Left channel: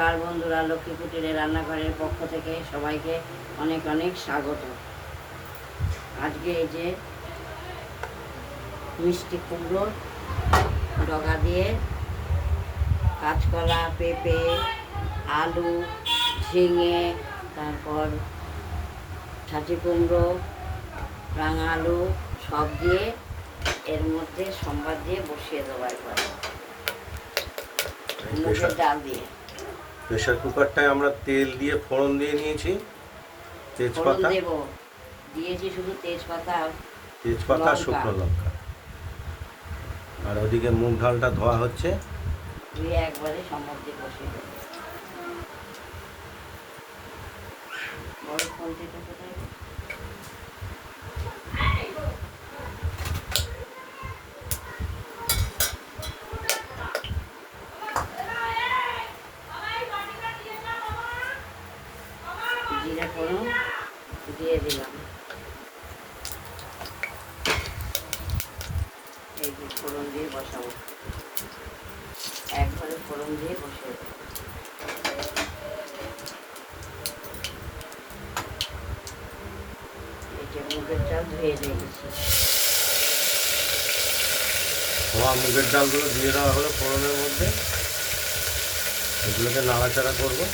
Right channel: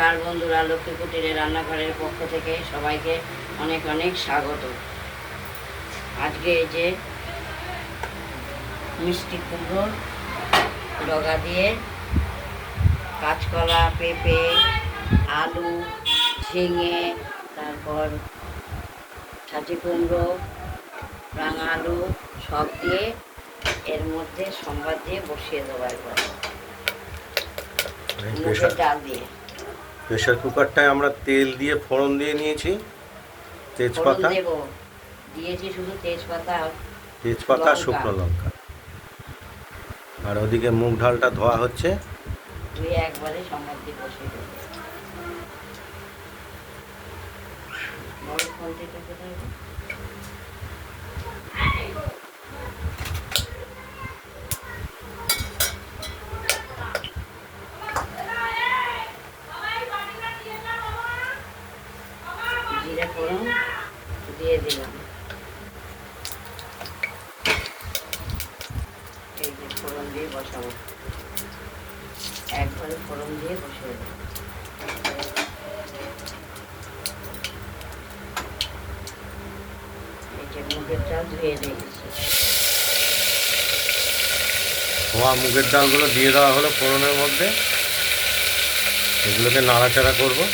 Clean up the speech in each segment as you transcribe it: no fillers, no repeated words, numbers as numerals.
নমস্কার বন্ধুরা, লক্ষ্মী কুটিরের রান্নাঘরের পক্ষ থেকে সবাইকে অনেক অনেক স্বাগত। আজকে এই যে মিষ্টি কুমড়োর ডগা দিয়ে কাঁচকলা, পেঁপে, আলু, ঝিঙে, তারপর ছাঁচি কুমড়ো, রাঙা আলু সব দিয়ে এর মধ্যে সম্বাদ দিয়ে বসিয়ে দেবো একবার মুগের ডাল দিয়ে। প্রেসার কুকারটায় আমরা তেল দিয়ে ফোড়ন দিয়ে নিয়েছি, তেজপাতা দিয়েছি, শুধু তেজপাতা শুকনো লঙ্কা। আর ওদিকে মুগ ডালটা ধোয়া হচ্ছে। ধুয়ে একবারে সম্বাদ দিয়ে বসিয়ে দেবো। জিরে ফোড়ন দিয়ে দিলাম, এই যে ফোড়ন দিয়ে বসাবো, একবারে ফোড়ন দিয়ে বসিয়ে দেবো। এই যে মুগের ডাল ধুয়ে দিয়েছি, ধোয়া মুগের ডালগুলো দিয়ে দেওয়া হলো ফোড়নের মধ্যে। এগুলোকে নাড়াচাড়া করবো,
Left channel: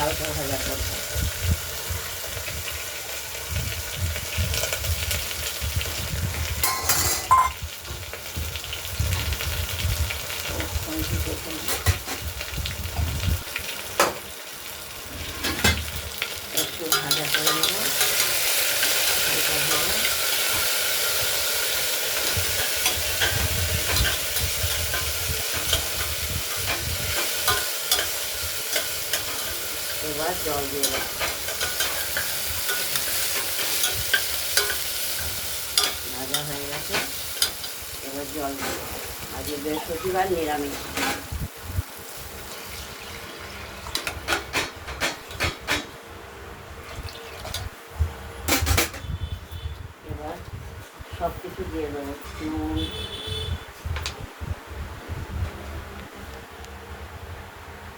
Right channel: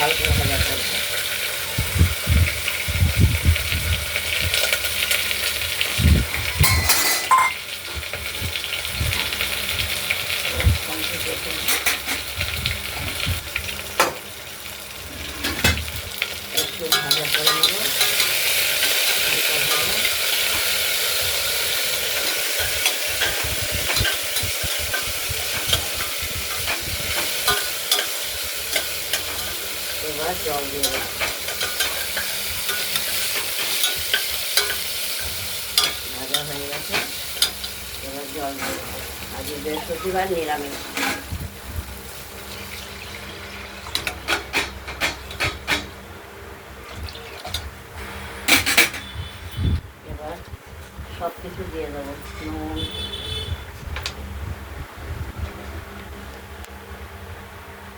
হালকা ভাজা করবো। একটু ভাজা করে নেব, এবার জল দিয়ে ভাজা হয়ে গেছে। এবার জল দিয়ে, আজকে বৃহস্পতিবার নিরামিষ। এবার সব কিছু দিয়ে দেবো,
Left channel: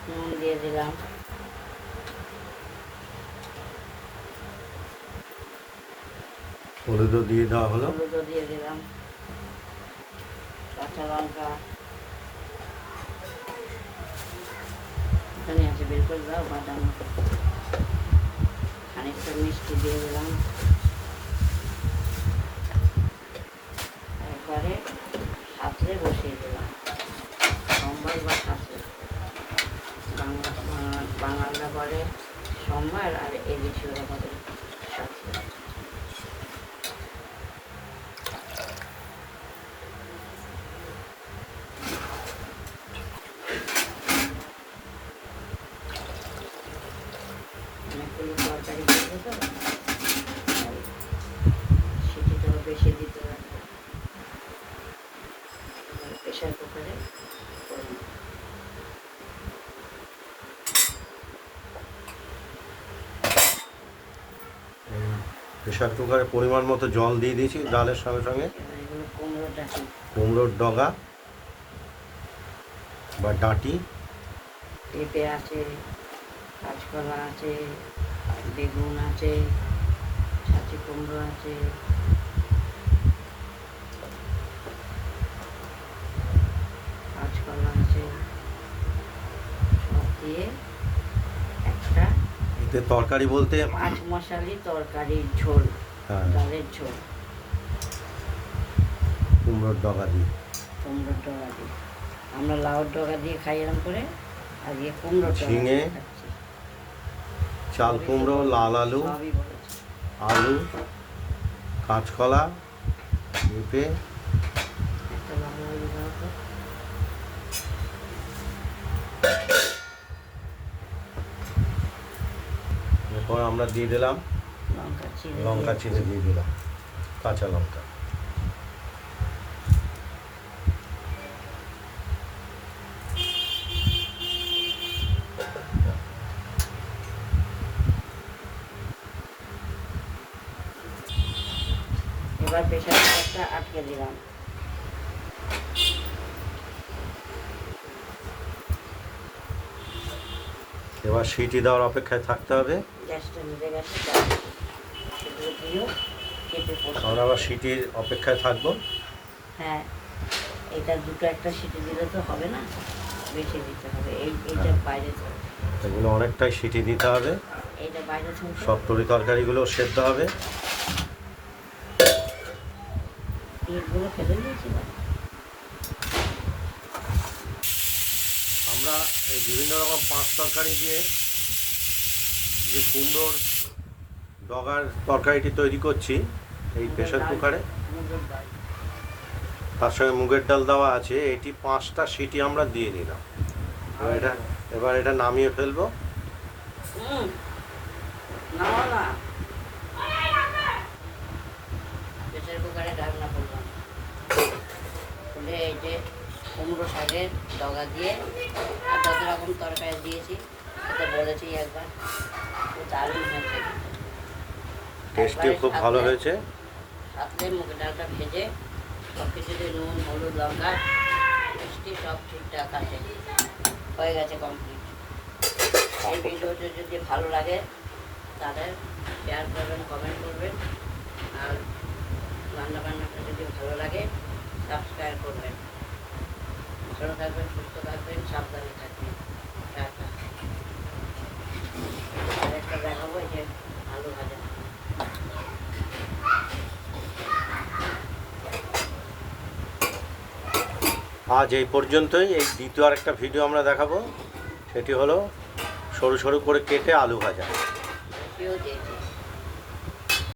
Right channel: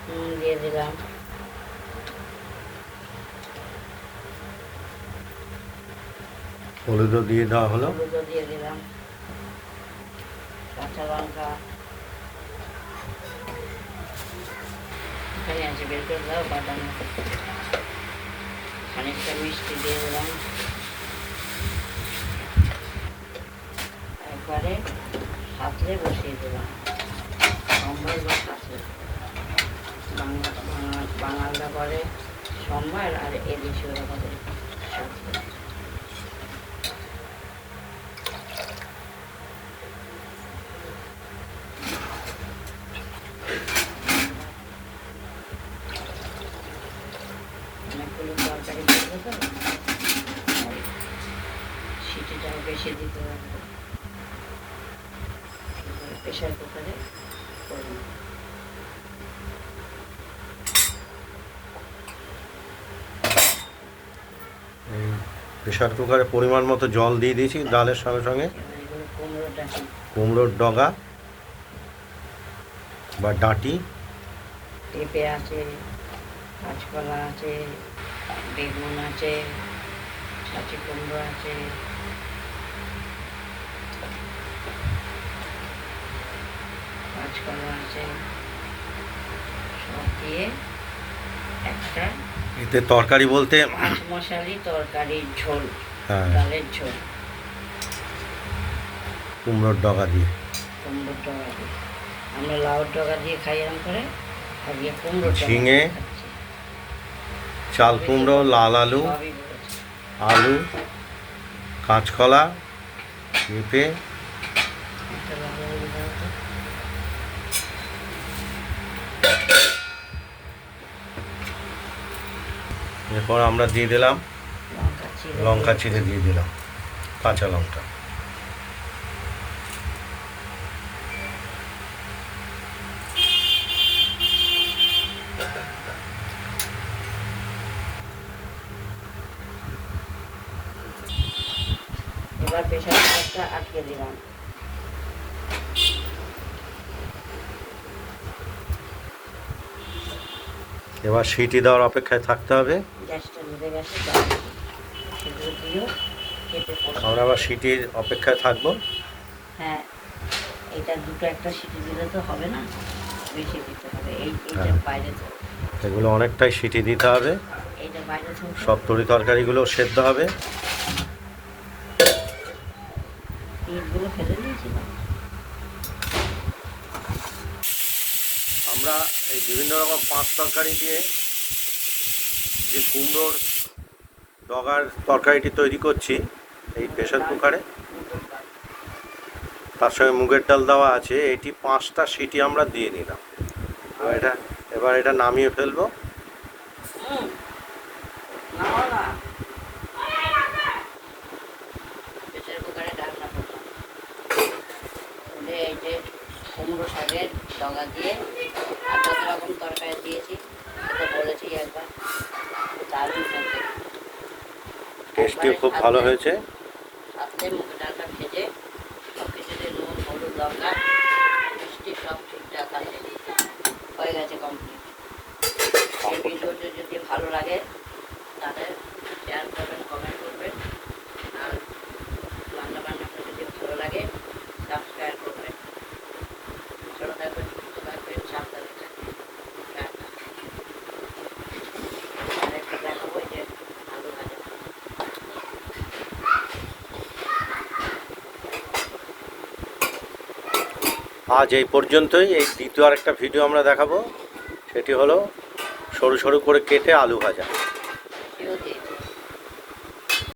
নুন দিয়ে দিলাম, হলুদও দিয়ে দেওয়া হলো, হলুদও দিয়ে দিলাম, কাঁচা লঙ্কা এখানে আছে, বের করে দাও, বাদাম, খানিকটা মিষ্টি দিয়ে দিলাম, একবারে সাঁতরে বসিয়ে দিলাম। সোমবার বা সাঁতরে, বাঙাল ব্যাপারে সোমবার আর এদেশীয় ব্যাপারে সাঁতরে। অনেকগুলো তরকারি করবো তো, সিটিটাও বেশি দিতে লাগবে, প্রেশার কুকারে করে নেব। প্রেসার কুকারে পরিমাণ মতো জল দিয়ে দিয়েছি ডালের সঙ্গে সঙ্গে। কুমড়োর ডগা বা ডাঁটি, পেঁপে আছে, কাঁচকলা আছে, বেগুন আছে, ছাঁচি কুমড়ো আছে, কাঁচকলা আছে, সব দিয়ে একটা এতে তরকারি বলতে 5 মশালি তরকারির ঝোল, হ্যাঁ, ডালের ঝোল, কুমড়োর ডগা দিয়ে, কুমড়োর ডগা দিয়ে। আমরা লাউর ডগা দিয়ে খাই এরকম করে, আজকে কুমড়োর ডগা ঝিঙে, খাচ্ছি। চাল কুমড়ো, লাল আলু, সবই বলেছি। আলু, কাঁচকলা, পেঁপে, একটা লাল আলু দাও তো। এরপর আমরা দিয়ে দিলাম লঙ্কা চিড়ে দিয়ে দিলাম, কাঁচা লঙ্কা। এবার প্রেসার কুকারটা আটকে দিলাম। এবার সিটি দেওয়ার অপেক্ষায় থাকতে হবে। গ্যাসটা নিভে গেছে, সেগুলো দিয়ে কেটে কষাবো। আমরা আবার সিটির অপেক্ষায় থাকবো। হ্যাঁ, এটা দুটো একটা সিটি দিলে তো হবে না, বেশি দিতে হবে। এইটা হ্যাঁ। বাইরে তো, এগুলো অনেকটাই সিটি দিতে হবে, এইটা বাইরে থেকে সব তরি তরকারিগুলো সেদ্ধ হবে। পিঠগুলো ফেলে দিয়েছিলাম। আমরা এই বিভিন্ন রকম পাঁচ তরকারি দিয়ে যে কুমড়োর ডগার তরকারিটি তৈরি করছি এই প্রেসার কুকারে, তার সঙ্গে মুগের ডাল দেওয়া আছে। এটি 5টা সিটি আমরা দিয়ে নিলাম। এবার এটা নামিয়ে ফেলবো। প্রেসার কুকারে ঢাকনা করলাম, এই যে কুমড়ো শাকের ডগা দিয়ে আর কত রকম তরকারি দিয়েছি, সেটা বলেছি একবার, দারুণ হয়েছে। টেস্টিও খুব ভালো হয়েছে। সাথে মুগের ডালটা ভেজে সব কিছুতে নুন, হলুদ, লঙ্কা, মিষ্টি সব ঠিকঠাক আছে, হয়ে গেছে কমপ্লিট। এই ভিডিওটি যদি ভালো লাগে তাহলে শেয়ার করবেন, কমেন্ট করবেন, আর রান্না বান্নাটা যদি ভালো লাগে সাবস্ক্রাইব করবেন। ভালো থাকবেন, সুস্থ থাকবেন, সাবধানে থাকবেন। টাটা। আরেকটা দেখাবো, যে আলু ভাজা। আজ এই পর্যন্তই। এই দ্বিতীয় আরেকটা ভিডিও আমরা দেখাবো, সেটি হলো সরু সরু করে কেটে আলু ভাজা। কেউ দিয়ে